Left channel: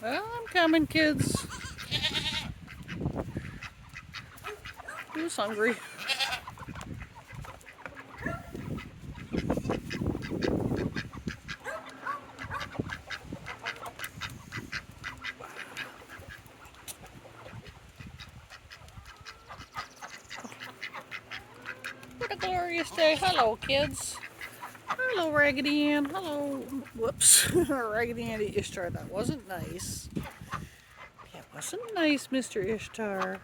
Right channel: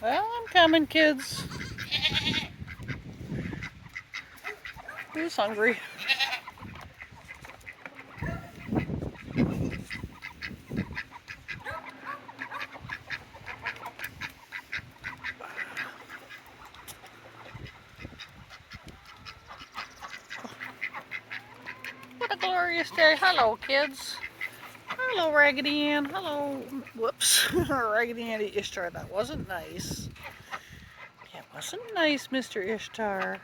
Well, I'm coming, kids. Who's hungry? What a glorious day. Hello, kids. Hello, Raggedy Ann. Hello. Whoops. Raggedy Ann Ishtar. That wasn't nice. That wasn't nice, Mr. Ishtar.